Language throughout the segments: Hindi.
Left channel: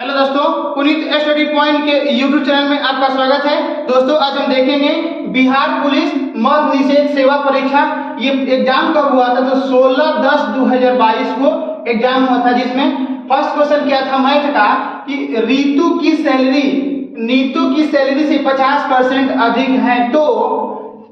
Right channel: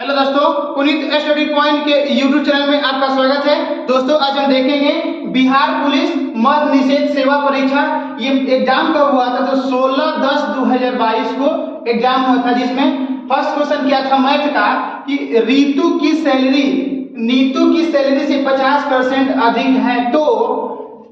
हेलो दोस्तों, पुनीत स्टडी पॉइंट के यूट्यूब चैनल में आपका स्वागत है। दोस्तों, आज हम देखेंगे बिहार पुलिस मद्य निषेध सेवा परीक्षा। ये एग्जाम कब हुआ था? तो 16/10/2022 को एग्जाम हुआ था, जिसमें फर्स्ट क्वेश्चन क्या था मैथ का कि नीतू की सैलरी से 50% अधिक है तो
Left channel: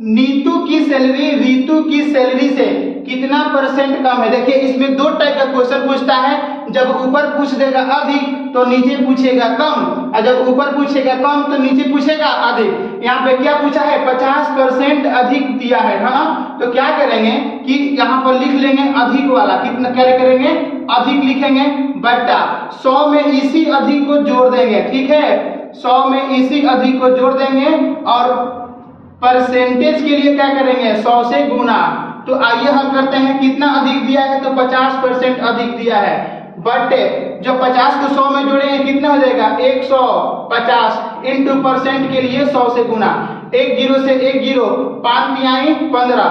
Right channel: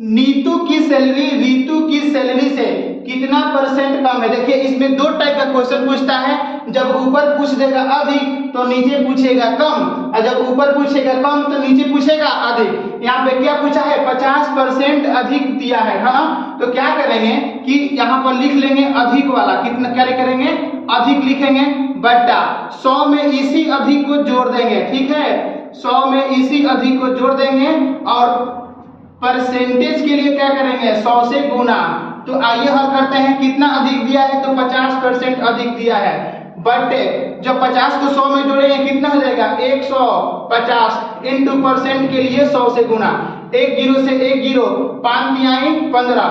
नीतू की सैलरी रीतू की सैलरी से कितना परसेंट कम है। देखिए, इसमें दो टाइप का क्वेश्चन पूछता है। जब ऊपर पूछ देगा अधिक तो नीचे पूछेगा कम, और जब ऊपर पूछेगा कम तो नीचे पूछेगा अधिक। यहाँ पे क्या पूछा है? 50% अधिक दिया है ना। तो क्या करेंगे कि यहाँ पर लिख लेंगे अधिक वाला। कितना क्या करेंगे? अधिक लिखेंगे बट्टा 100 में इसी अधिक को जोड़ देंगे। ठीक है, 100 में इसी अधिक को जोड़ देंगे और परसेंटेज के लिए क्या करेंगे? 100 से गुना। तो आइए हल करते हैं। कितना अधिक दिया है? तो 50% अधिक दिया है। बट जब 50 को 100 में जोड़ेंगे कितना हो जाएगा? 150 इंटू परसेंट के लिए 100 से गुना। 1 जीरो से 1 जीरो, 5 तिहाई 15।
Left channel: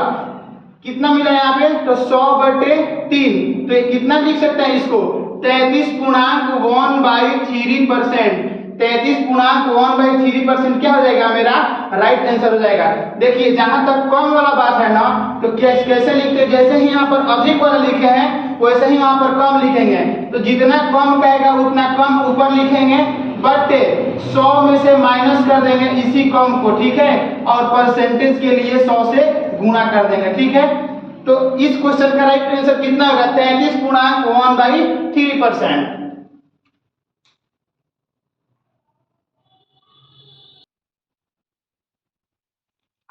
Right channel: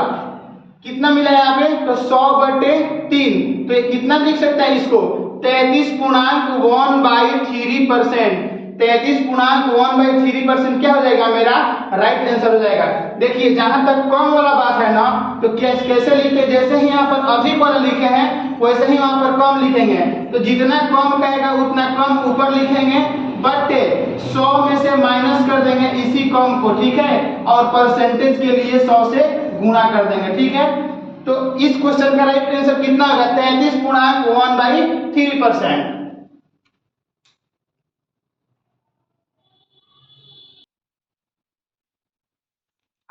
कितना मिला यहाँ पे? तो 100/3। तो ये कितना लिख सकता है इसको? 33.1/3%। 33.1/3% क्या हो जाएगा? मेरा राइट आंसर हो जाएगा। देखिए, जहां तक कम वाला बात है ना, तो कैसे लिखते हैं? जैसे ही यहाँ पर अधिक वाला लिखे हैं वैसे ही वहां पर कम लिखेंगे। तो जितना कम कहेगा उतना कम ऊपर लिखेंगे, बट 100 में से माइनस कर देंगे इसी कम को। ठीक है, और परसेंटेज के लिए 100 से गुणा कर देंगे। ठीक है, तो इस क्वेश्चन का राइट आंसर कितना होगा? 33.1/3%।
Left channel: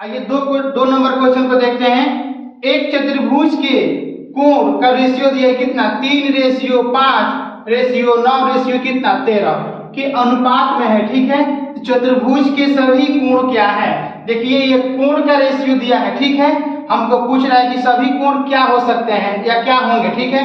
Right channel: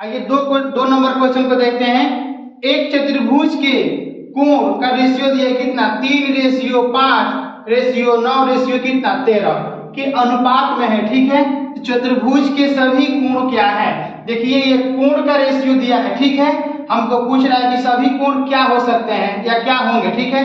आइए दो नंबर क्वेश्चन को देखते हैं। एक चतुर्भुज के कोण का रेशियो दिया है कितना? 3:5:9 कितना? 13 के अनुपात में है। ठीक है, चतुर्भुज के सभी कोण क्या है? देखिए, ये कोण का रेशियो दिया है। ठीक है, हमको पूछ रहा है कि सभी कोण क्या हो सकते हैं या क्या होंगे। ठीक है,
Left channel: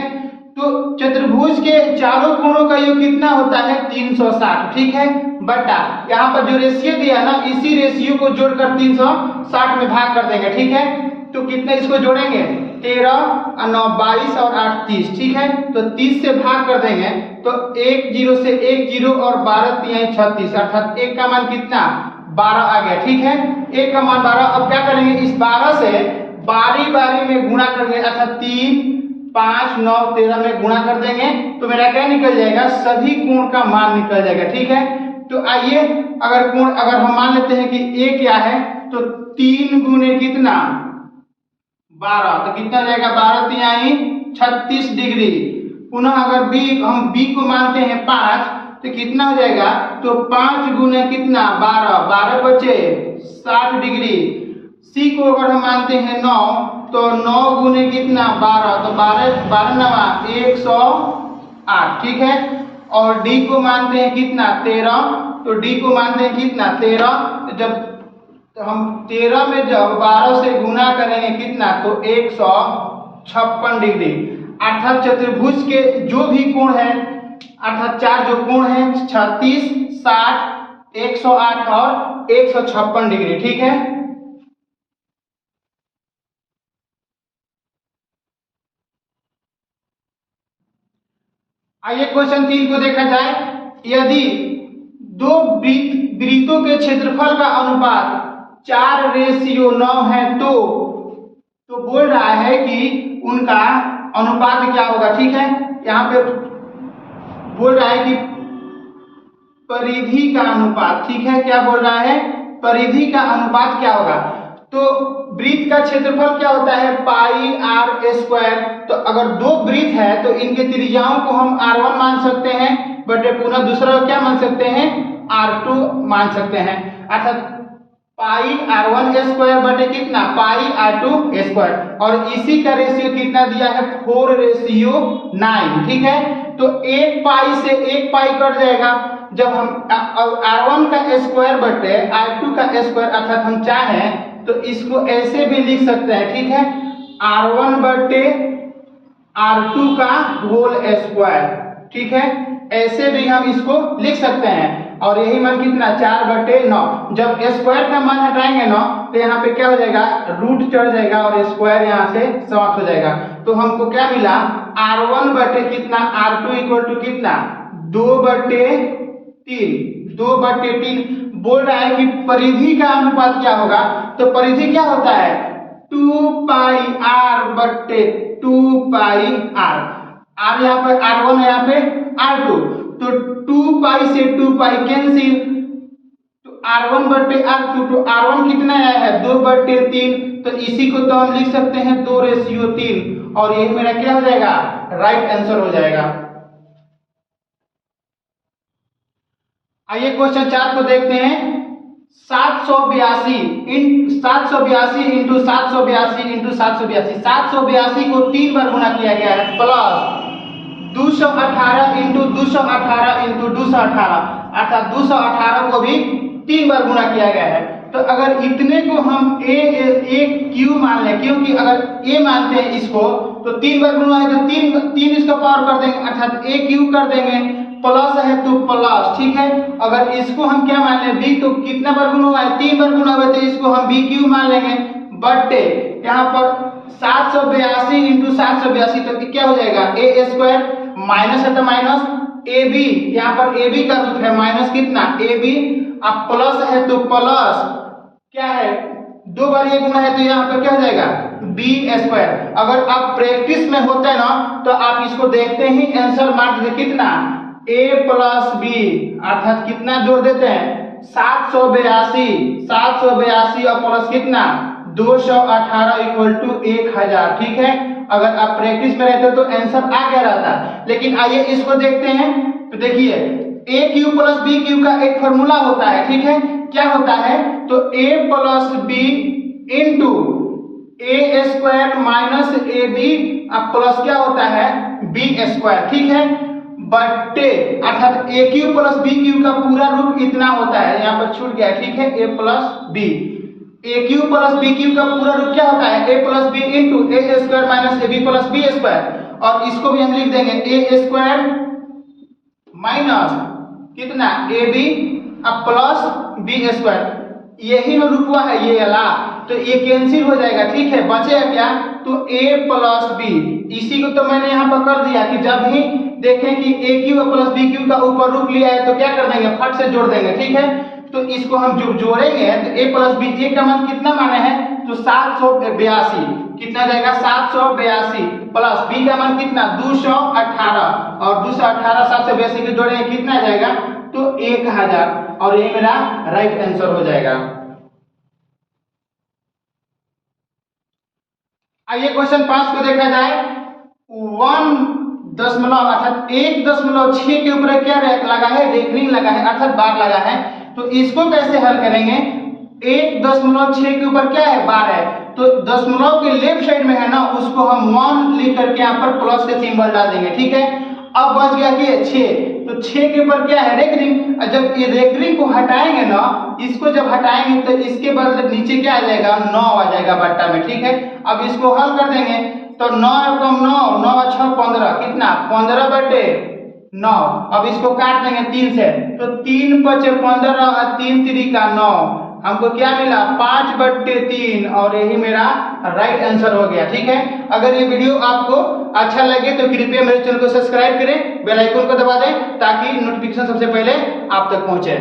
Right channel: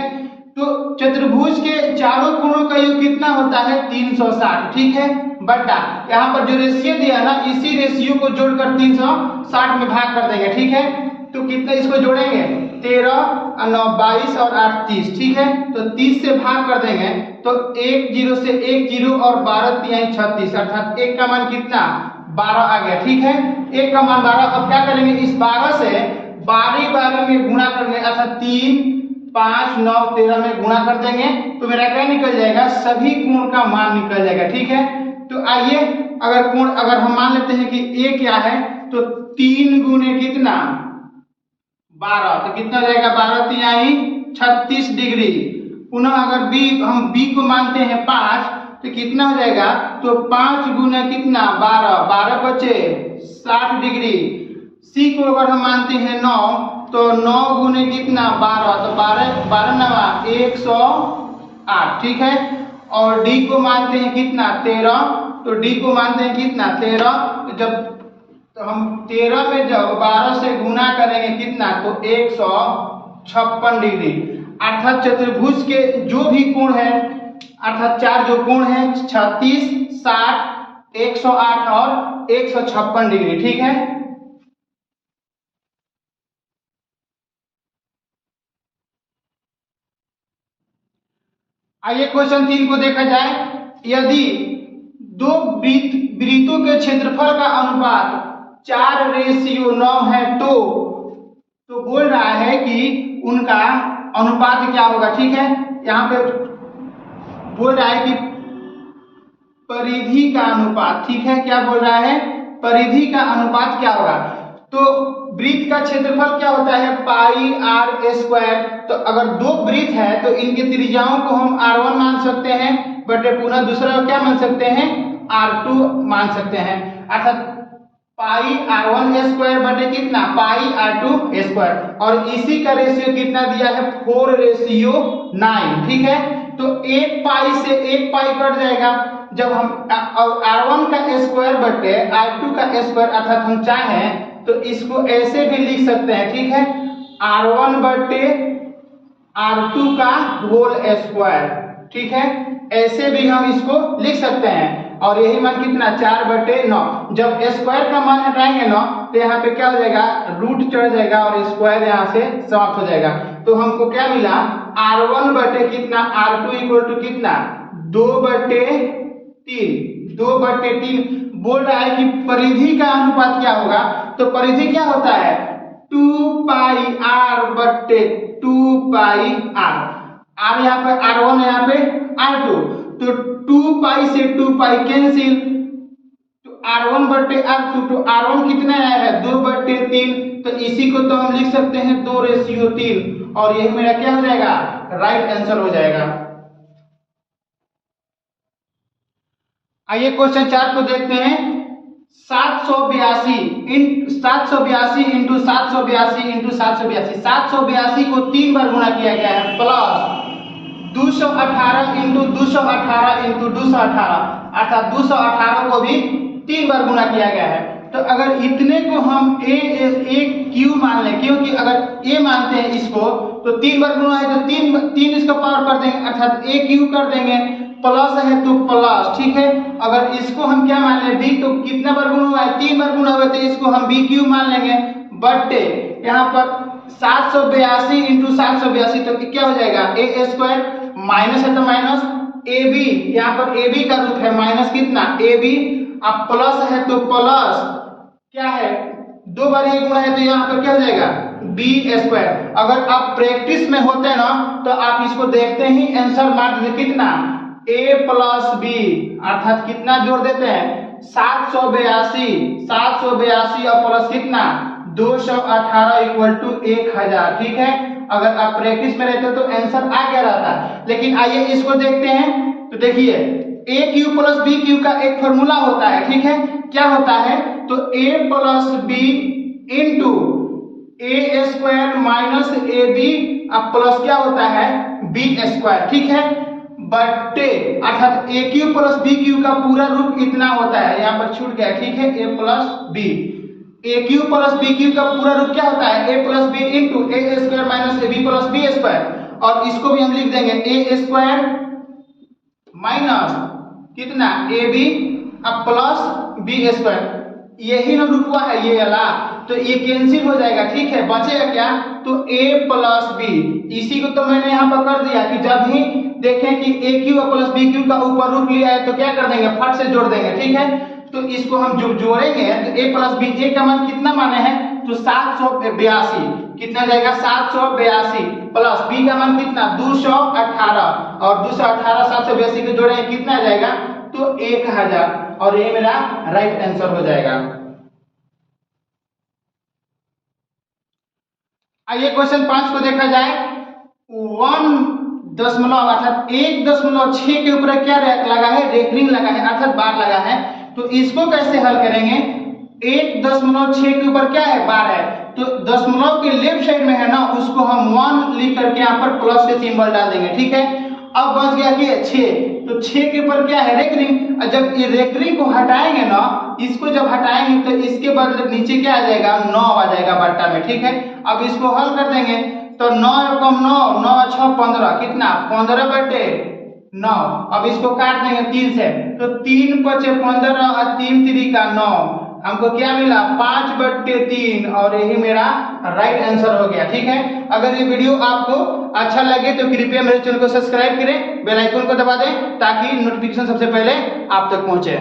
तो चतुर्भुज के चारों कोणों का योग कितना होता है? 360। ठीक है, बटा यहाँ पर जो रेशियो दिया ना, इसी रेशियो को जोड़कर 360 में भाग कर देंगे। ठीक है, तो कितने इसको जोड़ेंगे? 13 और 9 22 और 8 30। ठीक है, तो 30 से भाग कर देंगे तो 1 जीरो से 1 जीरो और 12 तिहाई 36, अर्थात 1 का मान कितना? 12 आ गया। ठीक है, 1 का मान 12। अब क्या करेंगे? इस 12 से बारी बारी में गुणा करेंगे, अर्थात 3 5 9 13 में गुणा कर देंगे तो मेरा क्या निकल जाएगा? सभी कोण का मान निकल जाएगा। ठीक है, तो आइए अगर हम मान लेते हैं कि a क्या है, तो 3 गुने कितना? 12। तो कितना जाएगा? 12 तिहाई 36 डिग्री। पुनः अगर हम b को मानते हैं 5, तो कितना हो जाएगा? तो 5 गुने कितना? 12, 12 बचे 60 डिग्री। c को अगर हम मानते हैं 9, तो 9 गुने कितना? 12, तो 12 नवा 108। ठीक है, और d को मानते हैं कितना? 13, तो d को मानते हैं कितना? 13। तो हम 13 में जब 12 से गुना करेंगे कितना? तो 156 डिग्री। अर्थात चतुर्भुज के जो भी कोण है, अर्थात चार जो कोण है 36 60 108 और 156 डिग्री। ठीक है, आइए क्वेश्चन 3 को देखा जाए। यदि दो वृत्तों के क्षेत्रफल का अनुपात 4:9 है तो बोल रहा है कि उनका अनुपात क्या होगा। ठीक है, यहाँ पे बोल रहा है कि परिधि का अनुपात। ठीक है, क्या बोल रहा है? परिधि का अनुपात क्या होगा? तो वृत्त का क्षेत्रफल क्या होता है? πr²। तो अगर दो वृत्त है तो इनके त्रिज्याओं को हम r1 मान सकते हैं, बट पुनः दूसरा क्या मान सकते हैं? r2 मान सकते हैं। अर्थात πr1² बटे कितना? πr2²। और इसी का रेशियो कितना दिया है? 4:9। ठीक है, तो 1 पाई से 1 पाई कट जाएगा। जब हम r1 का स्क्वायर बटे r2 का स्क्वायर, अर्थात हम चाहें तो इसको ऐसे भी लिख सकते हैं। ठीक है, r1 बटे r2 का होल स्क्वायर। ठीक है, ऐसे भी हम इसको लिख सकते हैं। और यही मान कितना? 4/9। जब स्क्वायर का मान हटाएंगे ना, तो यहाँ पे क्या हो जाएगा? रूट चढ़ जाएगा और स्क्वायर यहाँ से समाप्त हो जाएगा। तो हमको क्या मिला? r1 बटे कितना? r2 इक्वल टू कितना? 2/3, 2/3 बोल रहा है कि परिधि का अनुपात क्या होगा। तो परिधि क्या होता है 2πr/2πr, r यहाँ पे r1 यहाँ पे r2, तो 2π से 2π कैंसिल, तो r1/r2, तो r1 कितना आया है 2/3, तो इसी को तो हम लिख सकते हैं 2:3, और यही मेरा क्या हो जाएगा राइट आंसर हो जाएगा। आइए क्वेश्चन 4 को देखते हैं। 782 इंटू 782 को 3 बार गुणा किया गया है, प्लस 218 इंटू 218 अर्थात 218 को भी 3 बार गुणा किया गया है। तो अगर इतने को हम a क्यू मान लें, क्योंकि अगर a मानते हैं इसको तो 3 बार गुणा है तो 3 इसका पावर कर देंगे अर्थात a क्यू कर देंगे, प्लस है तो प्लस, ठीक है। अगर इसको हम क्या मान लें b, तो कितना बार गुणा हुआ है 3 बार गुणा हुआ है, तो इसको हम b क्यू मान लेंगे, बटे यहाँ पर 782 इंटू 782, तो क्या हो जाएगा a², माइनस है तो माइनस ab, यहाँ पर ab का रूट है माइनस कितना ab, अब प्लस है तो प्लस क्या है 2 बार ये गुणा है तो यहाँ पर क्या हो जाएगा b²। अगर आप प्रैक्टिस में होते हैं ना तो आप इसको देखते ही आंसर मार दीजिए कितना a + b, अर्थात कितना जोड़ देते हैं 782 और प्लस कितना 218 = 1000, ठीक है। अगर आप प्रैक्टिस में रहते तो आंसर आ गया रहता, लेकिन आइए इसको देखते हैं। तो देखिए a Q plus b Q का एक फॉर्मूला होता है, ठीक है। क्या होता है तो a + b into a² minus ab, अब प्लस क्या होता है b², ठीक है, बटे अर्थात a Q plus b Q का पूरा रूट इतना होता है, यहाँ पर छूट गया, ठीक है, a + b, a Q plus b Q का पूरा रूट क्या होता है a + b into a² minus ab + b², और इसको भी हम लिख देंगे a² माइनस कितना ab अब प्लस b², यही ना रूट हुआ है ये वाला, तो ये कैंसिल हो जाएगा, ठीक है। बचेगा क्या तो a + b, इसी को तो मैंने यहाँ पर कर दिया कि जब भी देखें कि a Q plus b Q का ऊपर रूट लिया है तो क्या कर देंगे फट से जोड़ देंगे, ठीक है। तो इसको हम जो जोड़ेंगे तो a + b, a का मान कितना माने हैं तो 782, कितना जाएगा 782, प्लस b का मान कितना 218, और 218 782 को जोड़ेंगे कितना आ जाएगा तो 1000, और ये मेरा राइट आंसर हो जाएगा। आइए क्वेश्चन 5 को देखा जाए। 1.6 के ऊपर क्या लगा है रेफरिंग लगा है अर्थात बार लगा है, तो इसको कैसे हल करेंगे 1.6 के ऊपर क्या है बार है, तो दशमलव के लेफ्ट साइड में है ना उसको हम 1 लिख करके यहाँ पर प्लस के सिंबल डाल देंगे, ठीक है। अब बच गया कि 6, तो 6 के ऊपर क्या है रेकरिंग, जब ये रेकरिंग को हटाएंगे ना, इसको जब हटाएंगे तो इसके बाद नीचे क्या आ जाएगा 9 आ जाएगा बट्टा में, ठीक है। अब इसको हल कर देंगे तो 9 × 9 9 × 6 15, कितना 15/9, अब इसको काट देंगे 3 से, तो 3 × 5 15 और 3 × 3 = 9, हमको क्या मिला 5/3, और यही मेरा राइट आंसर हो गया, ठीक है। अगर ये वीडियो आपको अच्छा लगे तो कृपया मेरे चैनल को सब्सक्राइब करें, बेल आइकन को दबा दें ताकि नोटिफिकेशन सबसे पहले आप तक पहुंचे।